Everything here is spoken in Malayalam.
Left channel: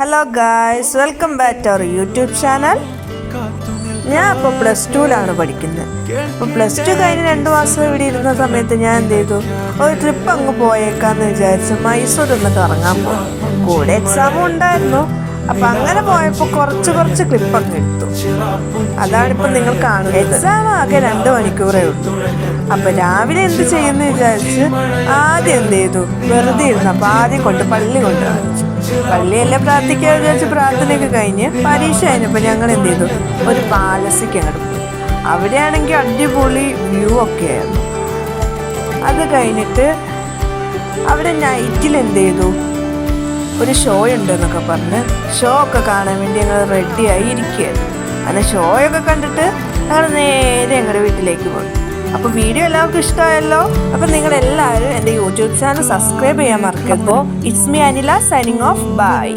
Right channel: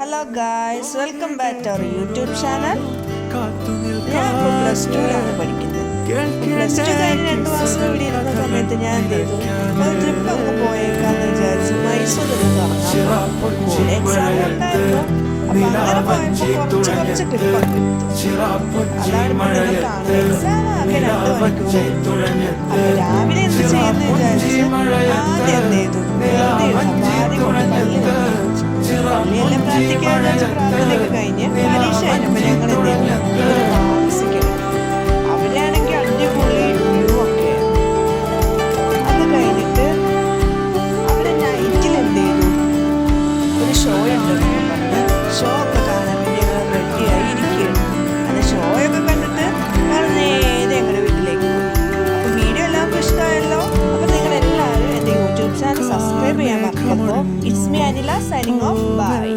Hello guys, welcome back to our YouTube channel. ഞാൻ ഇപ്പോൾ +2 പഠിക്കുന്നത്. +2 കഴിഞ്ഞ് 2 മാസം ഇവിടെ ഇരുന്ന സമയത്ത് ഞാൻ എന്ത് ചെയ്തു, ഒരു ട്രിപ്പ് അങ്ങ് പോയേക്കാന്ന് വിചാരിച്ചു മൈസൂരൊന്ന് കറങ്ങാൻ പോകും. കൂടെ എക്സാമും ഉണ്ടായിരുന്നു. അപ്പം അങ്ങനെ പോയപ്പോൾ കുറച്ച് ക്ലിപ്പൊക്കെ എടുത്തു. അതാണിപ്പോൾ നിങ്ങൾ കാണുന്നത്. എക്സാം ആകെ 2 മണിക്കൂറേ എടുത്തു. അപ്പം രാവിലെ എന്ത് ചെയ്യുന്നു വിചാരിച്ച് ആദ്യം എന്ത് ചെയ്തു, വെറുതെ ഇരുന്നു. അപ്പം ആദ്യം കൊണ്ട് പള്ളി കൊണ്ടുവച്ചു. പള്ളിയെല്ലാം പ്രാർത്ഥിക്കാൻ വിചാരിച്ച് പ്രാർത്ഥനയൊക്കെ കഴിഞ്ഞ് പരീക്ഷ കഴിഞ്ഞപ്പോൾ ഞങ്ങൾ എന്ത് ചെയ്തു, ഒരു പാലസിക്ക് കിടന്നു. അവിടെയാണെങ്കിൽ അടിപൊളി വ്യൂ ഒക്കെ ആയിരുന്നു. അത് കഴിഞ്ഞിട്ട് അവിടെ നൈറ്റിൽ എന്ത് ചെയ്തു, ഒരു ഷോ ഉണ്ട് എന്നൊക്കെ പറഞ്ഞ് ഷോ ഒക്കെ കാണാൻ വേണ്ടി ഞങ്ങൾ റെഡിയായി ഇരിക്കുകയാണ്. അത് ഷോയൊക്കെ കണ്ടിട്ട് ഞങ്ങൾ നേരെ ഞങ്ങളുടെ വീട്ടിലേക്ക് പോയി. അപ്പോൾ വീഡിയോ എല്ലാവർക്കും ഇഷ്ടമായല്ലോ. അപ്പോൾ നിങ്ങളെല്ലാവരും എൻ്റെ യൂട്യൂബ് ചാനൽ സബ്സ്ക്രൈബ് ചെയ്യാൻ മറക്കരുത്. It's me Anila signing off. By.